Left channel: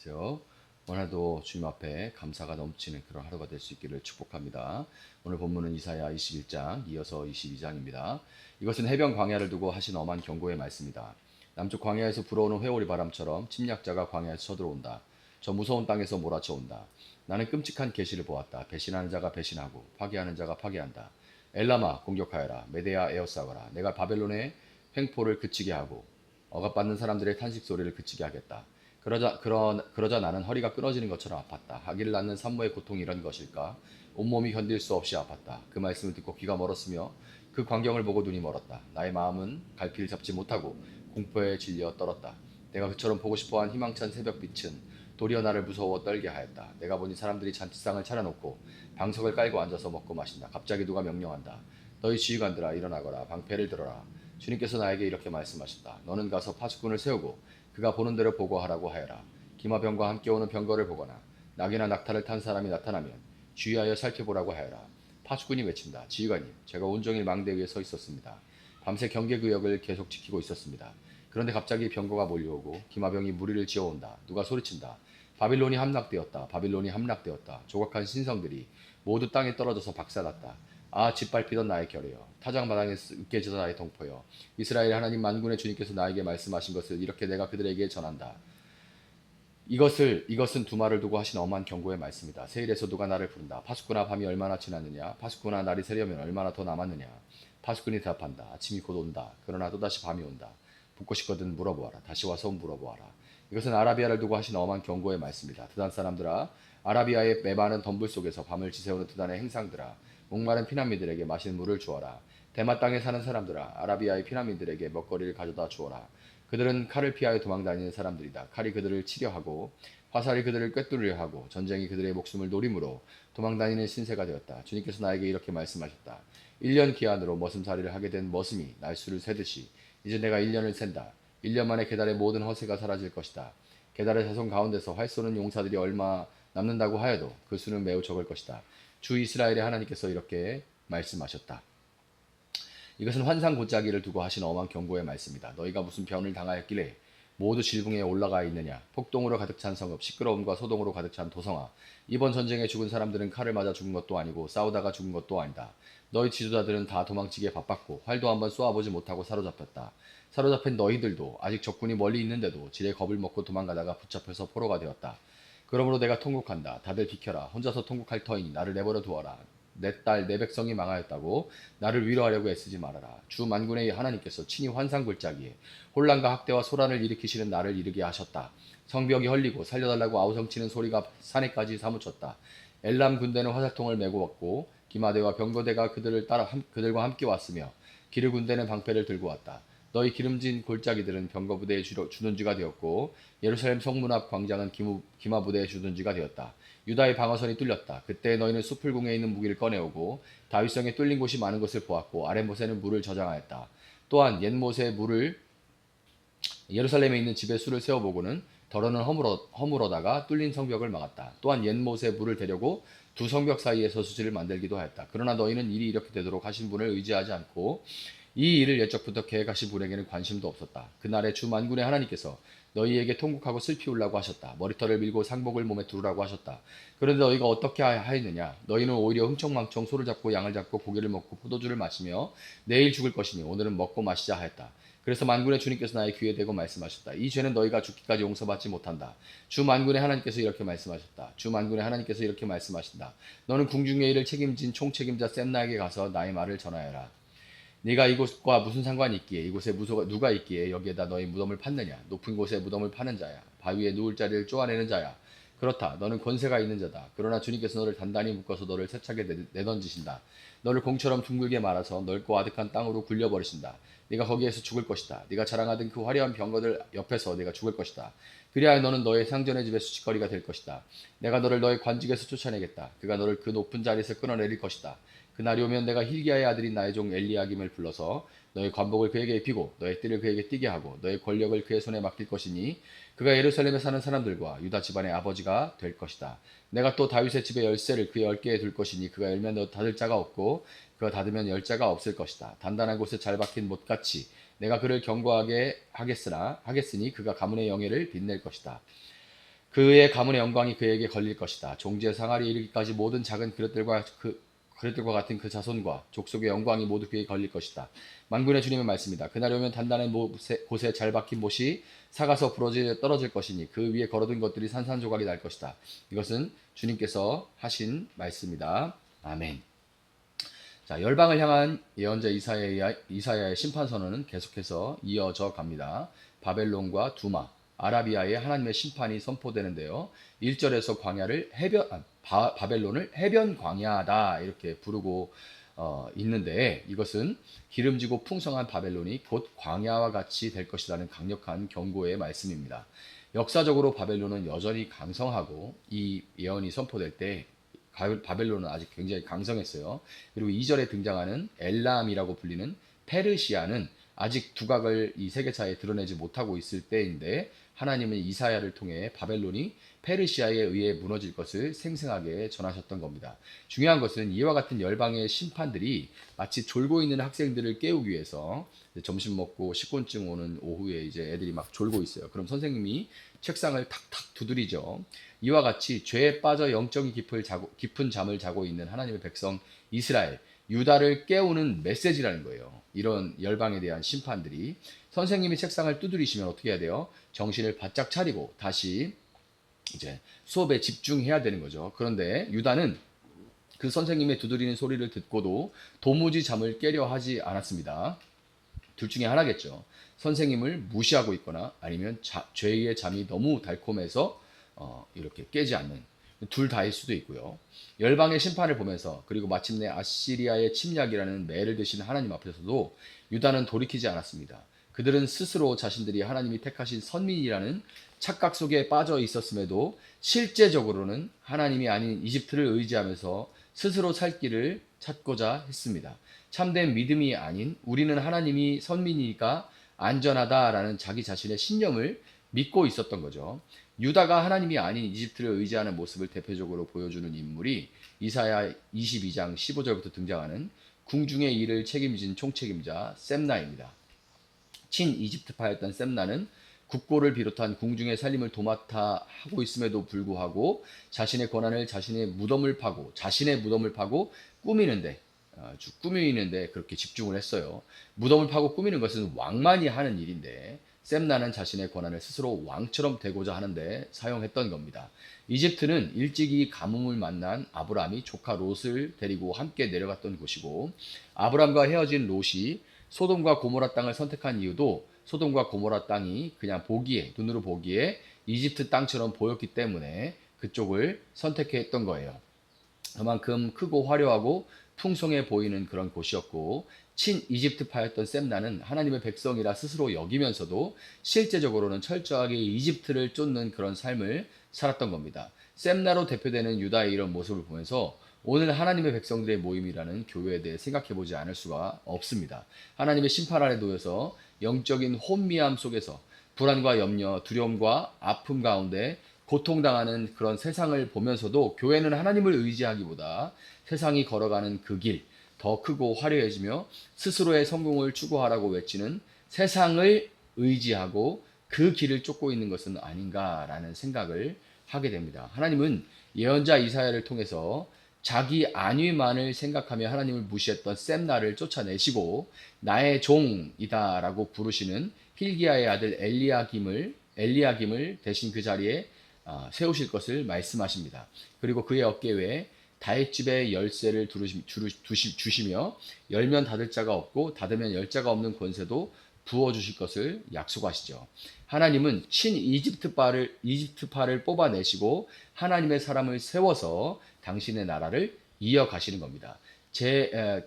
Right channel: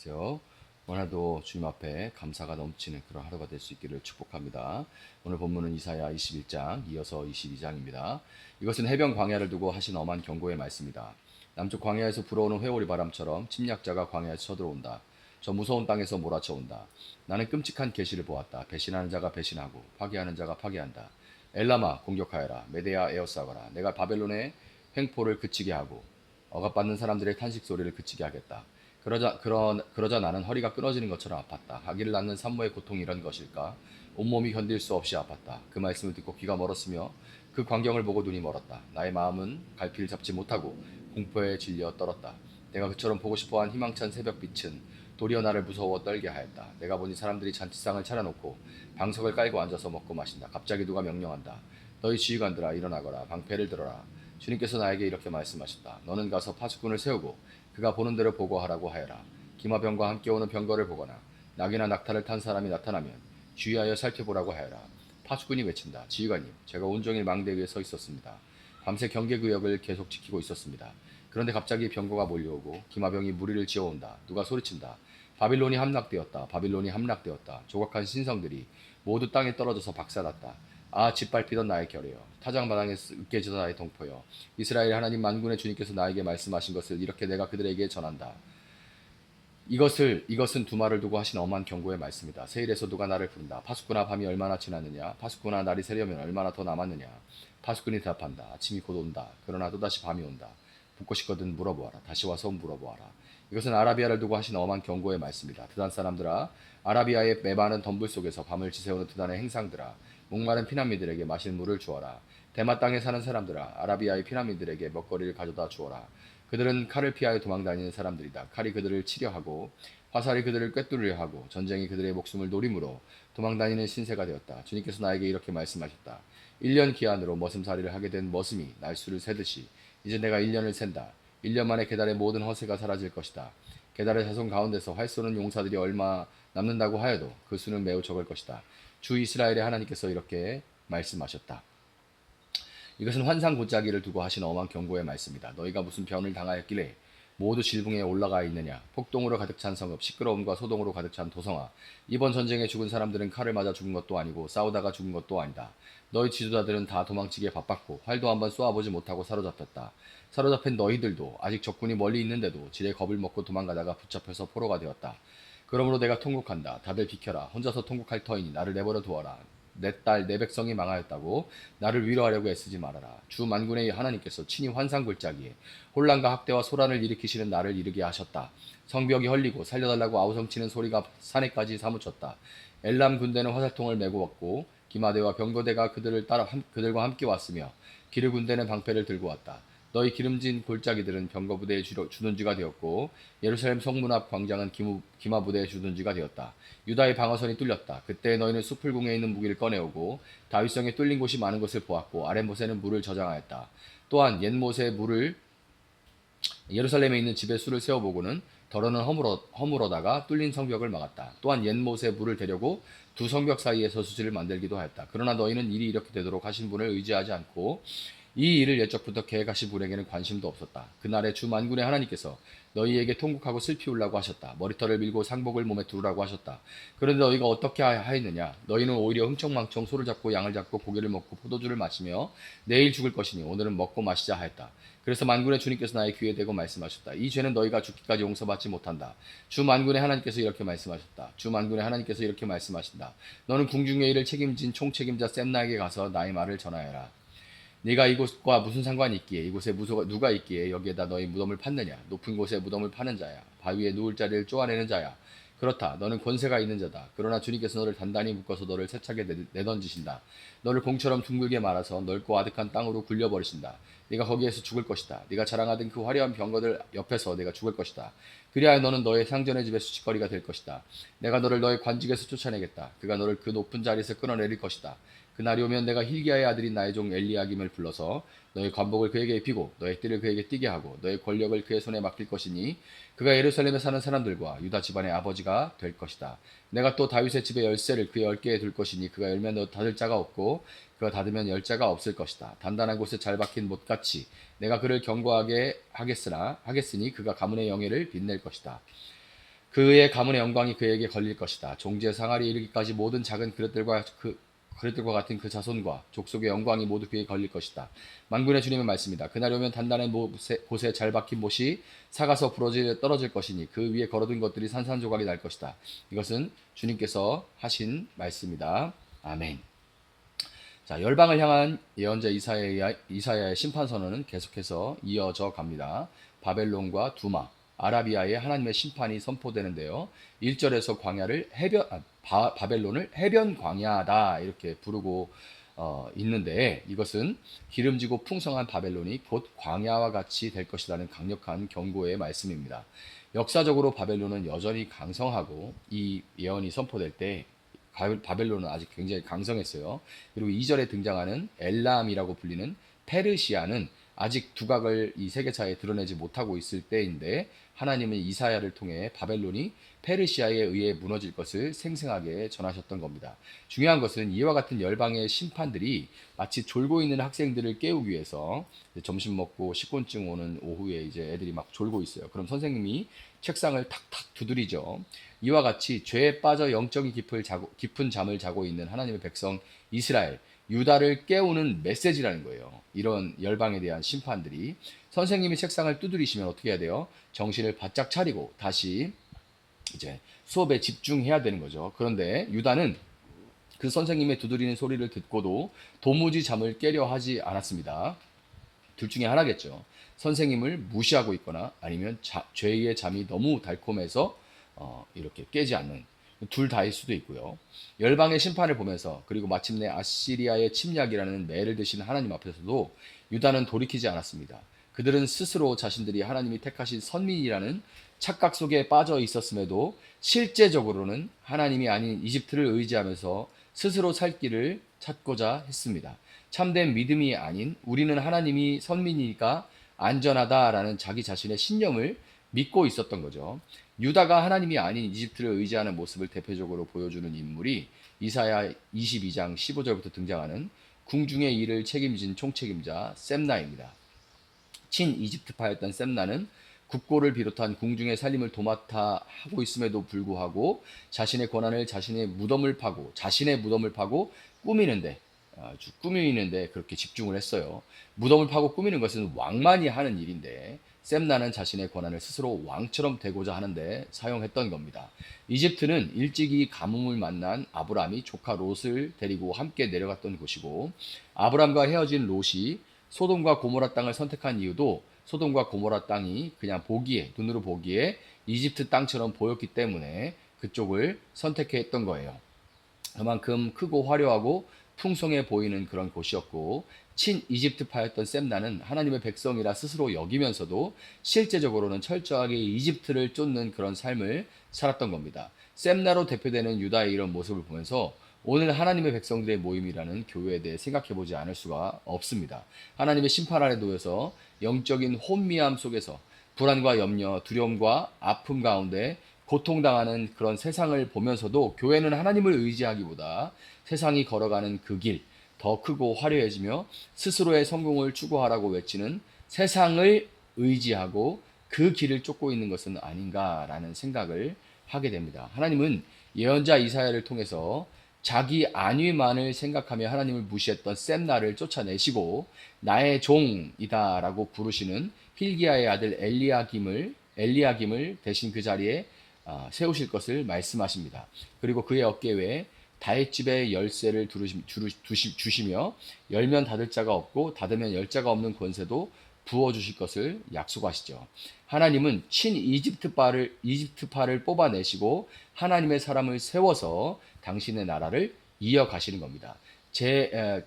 안녕하세요. 오늘도 주님 앞에 감사가 넘치는 그런 하루가 될 수 있기를 축복합니다. 오늘 본문은 이사야 21장 이어서 22장입니다. 이것은 해변 광야를 두고 하신 엄한 경고의 말씀이다. 남쪽 광야에서 불어오는 회오리 바람처럼 침략자가 광야에서 쳐들어온다. 저 무서운 땅에서 몰아쳐온다. 나는 끔찍한 계시를 보았다. 배신하는 자가 배신하고 파괴하는 자가 파괴한다. 엘라마 공격하여라. 메데아 에어싸거라. 내가 바벨론의 횡포를 그치게 하고 억압받는 사람들의 탄식 소리를 그치게 하겠다. 그러자 나는 허리가 끊어지는 것처럼 아팠다. 아기를 낳는 산모의 고통이 이런 것일까? 온몸이 견딜 수 없이 아팠다. 그 말씀을 듣고 귀가 멀었으며 그 광경을 보고 눈이 멀었다. 나의 마음은 갈피를 잡지 못하고 공포에 질려 떨었다. 내가 그처럼 보고 싶어한 희망찬 새벽빛은 도리어 나를 무서워 떨게 하였다. 내가 보니 사람들이 잔치상을 차려놓고 방석을 깔고 앉아서 먹고 마신다. 갑자기 누가 명령한다. 너희 지휘관들아 일어나거라. 방패를 들어라. 주님께서 나에게 이렇게 말씀하셨다. 너는 가서 파수꾼을 세우고 그가 보는 대로 보고하라고 하여라. 기마병과 함께 오는 병거를 보거나 낙이나 낙타를 탄 사람이 나타나면 주의하여 살펴보라고 하여라. 파수꾼이 외친다. 지휘관님, 제가 온종일 망대 위에 서 있었습니다. 밤새 경계구역을 계속 지키고 있었습니다. 그런데 갑자기 병거가 몰려오고 기마병이 무리를 지어온다. 누가 소리친다. 바빌론이 함락되었다. 바빌론이 함락되었다. 조각한 신성들이 모두 땅에 떨어져서 박살났다. 아, 짓밟히던 나의 결이여, 타작마당에 으깨져서 나의 동포여, 이스라엘 하나님 만군의 주님께서 나에게 말씀하신 것을 이렇게 내가 그들에게 전한다. 이것은 두말을 두고 하신 엄한 경고의 말씀이다. 세일에서 누가 나를 부른다. 파수꾼아, 밤이 얼마나 지났느냐? 파수꾼아, 날이 새려면 얼마나 더 남았느냐? 파수꾼이 대답한다. 아침이 곧 온다. 그러나 또다시 밤이 온다. 묻고 싶거든 물어보아라. 다시 와서 물어보아라. 이것은 아라비아를 두고 하신 엄한 경고의 말씀이다. 드단 사람들아, 아라비아의 메마른 덤불 속에서 밤을 지새우는 드단의 행상들아, 목마른 피난민들에게 마실 물을 주어라. 대마 땅에 사는 사람들아, 아라비아의 피난민들에게 먹거리를 가져다 주어라. 그들은 칼을 피하여 도망다니는 사람들이다. 칼이 그들을 치려하고 화살이 그들을 꿰뚫으려 하고 전쟁이 그들의 목숨을 노림으로 도망다니는 신세가 되었다. 주님께서 나에게 이렇게 말씀하셨다. 1년 기한으로 머슴살이를 하게 된 머슴이 날수를 세듯이 이제 내가 1년을 센다. 1년 만에 게달의 모든 허세가 사라질 것이다. 게달의 자손 가운데서 활 쏘는 용사들이 얼마 남는다고 하여도 그 수는 매우 적을 것이다. 주 이스라엘의 하나님께서 이렇게 말씀하셨다. 이것은 환상 골짜기를 두고 하신 엄한 경고의 말씀이다. 너희가 무슨 변을 당하였길래 모두 질붕에 올라가 있느냐? 폭동으로 가득 찬 성읍, 시끄러움과 소동으로 가득 찬 도성아. 이번 전쟁에 죽은 사람들은 칼을 맞아 죽은 것도 아니고 싸우다가 죽은 것도 아니다. 너희 지도자들은 다 도망치기에 바빴고 활도 한번 쏘아보지 못하고 사로잡혔다. 사로잡힌 너희들도 아직 적군이 멀리 있는데도 지레 겁을 먹고 도망가다가 붙잡혀서 포로가 되었다. 그러므로 내가 통곡한다. 다들 비켜라. 혼자서 통곡할 터이니 나를 내버려 두어라. 내 딸, 내 백성이 망하였다고 나를 위로하려고 애쓰지 말아라. 주 만군의 하나님께서 친히 환상 골짜기에 혼란과 학대와 소란을 일으키시는 나를 이르게 하셨다. 성벽이 헐리고 살려달라고 아우성치는 소리가 산에까지 사무쳤다. 엘람 군대는 화살통을 메고 왔고 기마대와 병거대가 그들과 함께 왔으며 기르 군대는 방패를 들고 왔다. 너희 기름진 골짜기들은 병거부대의 주둔지가 되었고 예루살렘 성문 앞 광장은 기마부대의 주둔지가 되었다. 유다의 방어선이 뚫렸다. 그때 너희는 수풀궁에 있는 무기를 꺼내오고 다윗성에 뚫린 곳이 많은 것을 보았고 아랫못에는 물을 저장하였다. 또한 옛못에 물을 예루살렘에 있는 집에 수를 세워보고는 더러는 허물어다가 뚫린 성벽을 막았다. 또한 옛못에 물을 대려고 두 성벽 사이에서 수지를 만들기도 하였다. 그러나 너희는 일이 이렇게 되도록 하신 분을 의지하지 않고 이 일을 옛적부터 계획하신 분에게는 관심도 없었다. 그날에 주 만군의 하나님께서 너희에게 통곡하고 슬피 울라고 하셨다. 머리털을 밀고 상복을 몸에 두르라고 하셨다. 그런데 너희가 어떻게 하였느냐? 너희는 오히려 흥청망청 소를 잡고 양을 잡고 고기를 먹고 포도주를 마시며 내일 죽을 것이니 오늘은 먹고 마시자 하였다. 그래서 만군의 주님께서 나의 귀에 대고 말씀하셨다. 이 죄는 너희가 죽기까지 용서받지 못한다. 주 만군의 하나님께서 이렇게 말씀하셨다. 주 만군의 하나님께서 이렇게 말씀하신다. 너는 궁중의 일을 책임진 총책임자 셈나에게 가서 나의 말을 전하여라. 네가 이곳과 무슨 상관이 있기에, 이곳에 누가 있기에 여기에다 너희 무덤을 팠느냐? 높은 곳에 무덤을 파는 자야. 바위에 누울 자리를 쪼아내는 자야. 그렇다. 너는 권세가 있는 자다. 그러나 주님께서 너를 단단히 묶어서 너를 세차게 내던지신다. 너를 공처럼 둥글게 말아서 넓고 아득한 땅으로 굴려버리신다. 네가 거기에서 죽을 것이다. 네가 자랑하던 그 화려한 병거들 옆에서 네가 죽을 것이다. 그리하여 너는 너의 상전의 집의 수치거리가 될 것이다. 내가 너를 너의 관직에서 쫓아내겠다. 그가 너를 그 높은 자리에서 끌어내릴 것이다. 그날이 오면 내가 힐기야의 아들인 나의 종 엘리야김을 불러서 너의 관복을 그에게 입히고 너의 띠를 그에게 띠게 하고 너의 권력을 그의 손에 맡길 것이니 그가 예루살렘에 사는 사람들과 유다 집안의 아버지가 될 것이다. 내가 또 다윗의 집의 열쇠를 그의 어깨에 둘 것이니 그가 열면 너 닫을 자가 없고 그가 닫으면 열 자가 없을 것이다. 단단한 곳에 잘 박힌 못같이 내가 그를 견고하게 하겠으니 그가 가문의 영예를 빛낼 것이다. 그의 가문의 영광이 그에게 걸릴 것이다. 종지의 상하리에 이르기까지 모든 작은 그릇들과 같은 그 자손과 족속의 영광이 모두 그에게 걸릴 것이다. 만군의 주님의 말씀이다. 그날이 오면 단단한 곳에 잘 박힌 못이 사가서 떨어질 것이니 그 위에 걸어둔 것들이 산산조각이 날 것이다. 이것은 주님께서 하신 말씀이다. 아멘. 자, 열방을 향한 예언자 이사야의 심판 선언은 계속해서 이어져 갑니다. 바벨론과 두마, 아라비아의 하나님의 심판이 선포되는데요. 1절에서 바벨론을 해변 광야다 이렇게 부르고 있는데, 이것은 기름지고 풍성한 바벨론이 곧 광야와 같이 될 것이라는 강력한 경고의 말씀입니다. 역사적으로 바벨론은 여전히 강성하고 이 예언이 선포될 때 바벨론은 아직 굉장히 강성했어요. 그리고 2절에 등장하는 엘람이라고 불리는 페르시아는 아직 두각을 이 세계사에 드러내지 못하고 있을 때인데, 하나님은 이사야를 통해 바벨론이 페르시아에 의해 무너질 것을 생생하게 전하셨던 겁니다. 중요한 것은 이와 같은 열방의 심판들이 마치 졸고 있는 학생들을 깨우기 위해서, 점심 먹고 식곤증 오는 오후에 이제 애들이 막 졸고 있어요. 그럼 선생님이 책상을 탁탁 두드리죠. 이와 같이 죄에 빠져 영적인 깊은 잠을 자고 있는 하나님의 백성 이스라엘, 유다를 깨우는 메시지라는 거예요. 이런 열방에 대한 심판들이. 선생님이 책상을 두드리시면 어떻게 해야 돼요? 정신을 바짝 차리고 다시 이제 수업에 집중해야 되는 거죠. 그런데 유다는 그 선생님의 두드리는 소리를 듣고도 도무지 잠을 깨려 하지 않았습니다. 둘 중에 하나겠죠. 선생님을 무시하고 있거나 아니면 죄의 잠이 너무 달콤해서 이렇게 깨지 않는, 둘 다일 수도 있고요. 열방의 심판을 보면서, 그리고 마침내 아시리아의 침략이라는 매를 드신 하나님 앞에서도 유다는 돌이키지 않았습니다. 그들은 스스로 자신들이 하나님이 택하신 선민이라는 착각 속에 빠져 있었음에도 실제적으로는 하나님이 아닌 이집트를 의지하면서 스스로 살 길을 찾고자 했습니다. 참된 믿음이 아닌 우리는 하나님이 선민이니까 안전하다라는 자기 자신의 신념을 믿고 있었던 거죠. 유다가 하나님이 아닌 이집트를 의지하는 모습을 대표적으로 보여주는 인물이 이사야 22장 15절부터 등장하는 궁중의 일을 책임진 총책임자 셈나입니다. 친이집트파였던 셈나는 국고를 비롯한 궁중의 살림을 도맡아 하고 있음에도 불구하고 자신의 무덤을 파고 꾸미는데 그렇게 집중을 했어요. 무덤을 파고 꾸미는 것은 왕만이 하는 일인데, 셈나는 자신의 권한을 스스로 왕처럼 되고자 하는데 사용했던 겁니다. 이집트는 일찍이 가뭄을 만난 아브람이 조카 롯을 데리고 함께 내려갔던 곳이고, 아브람과 헤어진 롯이 소돔과 고모라 땅을 선택한 이유도 소돔과 고모라 땅이 그냥 눈으로 보기에 이집트 땅처럼 보였기 때문에 그쪽을 선택했던 거예요. 그만큼 크고 화려하고 풍성해 보이는 그런 곳이었고, 친이집트파였던 셈나는 하나님의 백성이라 스스로 여기면서도 실제적으로는 철저하게 이집트를 쫓는 그런 삶을 살았던 겁니다. 셈나로 대표되는 유다의 이런 모습을 보면서 오늘 하나님의 백성들의 모임이라는 교회에 대해 생각해 보지 않을 수가 없습니다. 하나님의 심판 아래 놓여서 영적인 혼미함 속에서 불안과 염려, 두려움과 아픔 가운데 고통당하는 그런 세상을 보면서도 교회는 하나님을 의지하기보다 세상이 걸어가는 그 길, 더 크고 화려해지며 스스로의 성공을 추구하라고 외치는 세상을 의지하고 그 길을 쫓고 있는 것은 아닌가라는 생각을 하게 됩니다. 하나님은 예언자 이사야를 통해서 자기 안위만을 생각하며 하나님을 무시했던 셈나를 쫓아내시고 나의 종이다라고 부르시는 힐기야의 아들 엘리야김을 대신 그 자리에 세우실 것을 말씀하십니다. 그리고 그의 어깨 위에 다윗집의 열쇠를 주시며 열면 닫을 자가 없고 닫으면 열 자가 없는 권세도 부어주실 것을 약속하시죠. 하나님은 이집트파를 뽑아내시고 하나님의 사람을 세워서 당신의 나라를 이어가시는 겁니다.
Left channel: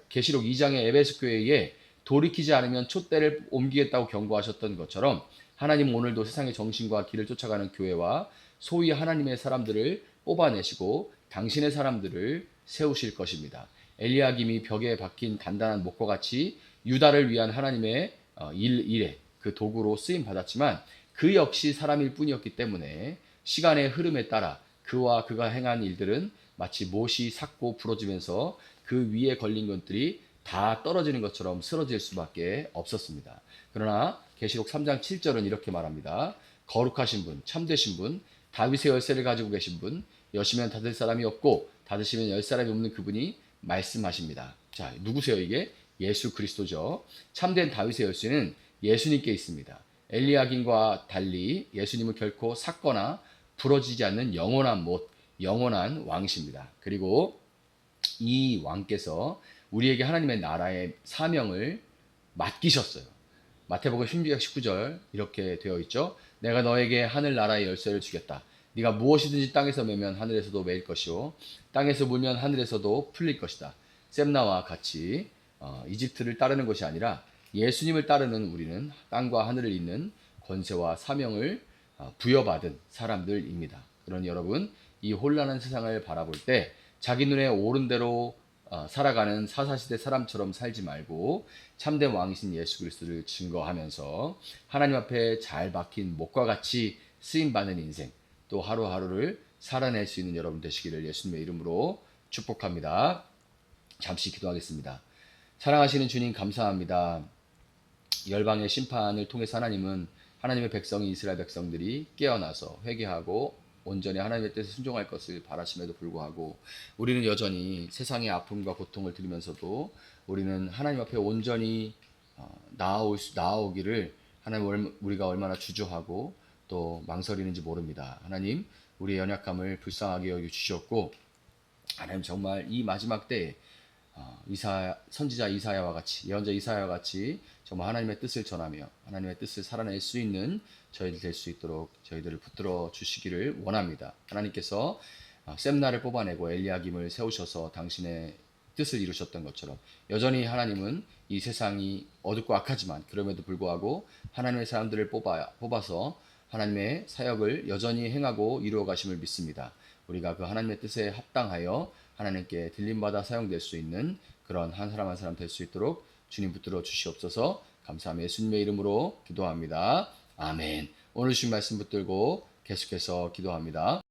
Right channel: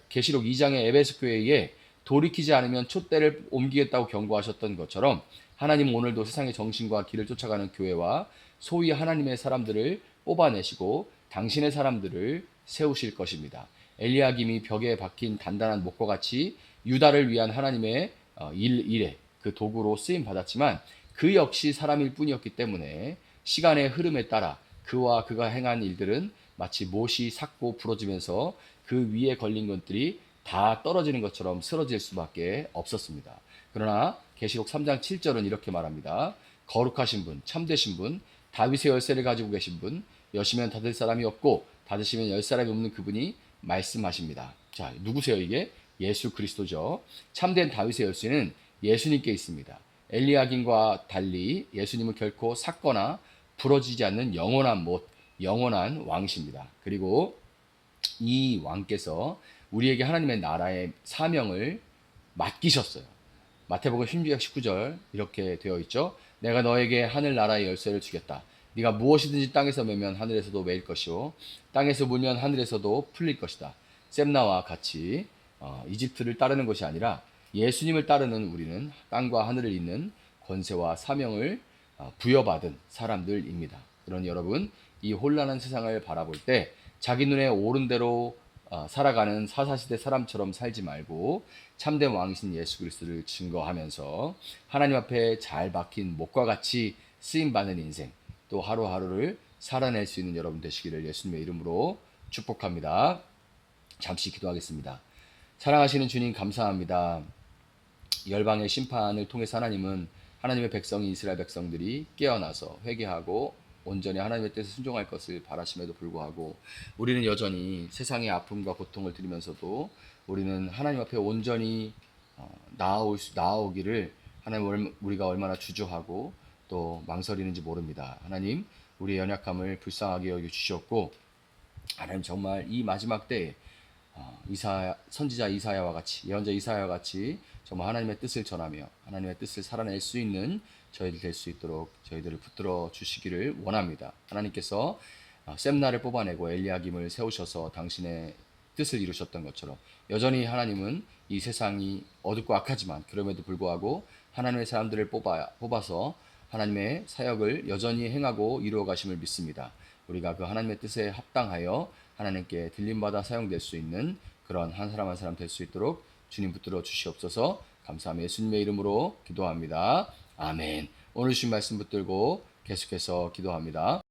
계시록 2장의 에베소 교회에 돌이키지 않으면 촛대를 옮기겠다고 경고하셨던 것처럼, 하나님은 오늘도 세상의 정신과 길을 쫓아가는 교회와 소위 하나님의 사람들을 뽑아내시고 당신의 사람들을 세우실 것입니다. 엘리야김이 벽에 박힌 단단한 목과 같이 유다를 위한 하나님의 일에 그 도구로 쓰임 받았지만, 그 역시 사람일 뿐이었기 때문에 시간의 흐름에 따라 그와 그가 행한 일들은 마치 못이 삭고 부러지면서 그 위에 걸린 것들이 다 떨어지는 것처럼 쓰러질 수밖에 없었습니다. 그러나 계시록 3장 7절은 이렇게 말합니다. 거룩하신 분, 참되신 분, 다윗의 열쇠를 가지고 계신 분, 여시면 닫을 사람이 없고 닫으시면 열 사람이 없는 그분이 말씀하십니다. 자, 누구세요 이게? 예수 그리스도죠. 참된 다윗의 열쇠는 예수님께 있습니다. 엘리야긴과 달리 예수님은 결코 삭거나 부러지지 않는 영원한 못, 영원한 왕이십니다. 그리고 이 왕께서 우리에게 하나님의 나라의 사명을 맡기셨어요. 마태복음 16장 19절 이렇게 되어 있죠. 내가 너에게 하늘 나라의 열쇠를 주겠다. 네가 무엇이든지 땅에서 매면 하늘에서도 매일 것이요 땅에서 물면 하늘에서도 풀릴 것이다. 셈나와 같이 이집트를 따르는 것이 아니라 예수님을 따르는 우리는 땅과 하늘을 잇는 권세와 사명을 부여받은 사람들입니다. 그러니 여러분, 이 혼란한 세상을 바라볼 때 자기 눈에 오른 대로 살아가는 사사시대 사람처럼 살지 말고 참된 왕이신 예수 그리스도를 증거하면서 하나님 앞에 잘 박힌 목과 같이 쓰임받는 인생, 또 하루하루를 살아낼 수 있는 여러분 되시기를 예수님의 이름으로 축복합니다. 잠시 기도하겠습니다. 사랑하시는 주님 감사합니다. 열방의 심판을 통해서 하나님은 하나님의 백성이 이스라엘 백성들이 깨어나서 회개하고 온전히 하나님의 뜻에 순종할 것을 바라심에도 불구하고 우리는 여전히 세상의 아픔과 고통을 들으면서도 우리는 하나님 앞에 온전히 나아오기를 하나님 우리가 얼마나 주저하고 또 망설이는지 모릅니다. 하나님 우리의 연약함을 불쌍하게 여겨 주셨고 하나님 정말 이 마지막 때에 선지자 이사야와 같이 예언자 이사야와 같이 정말 하나님의 뜻을 전하며 하나님의 뜻을 살아낼 수 있는 저희들 될 수 있도록 저희들을 붙들어 주시기를 원합니다. 하나님께서 셈나를 뽑아내고 엘리야김을 세우셔서 당신의 뜻을 이루셨던 것처럼 여전히 하나님은 이 세상이 어둡고 악하지만 그럼에도 불구하고 하나님의 사람들을 뽑아서 하나님의 사역을 여전히 행하고 이루어 가심을 믿습니다. 우리가 그 하나님의 뜻에 합당하여 하나님께 들림받아 사용될 수 있는 그런 한 사람 한 사람 될 수 있도록 주님 붙들어 주시옵소서. 감사하며 예수님의 이름으로 기도합니다. 아멘. 오늘 주신 말씀 붙들고 계속해서 기도합니다.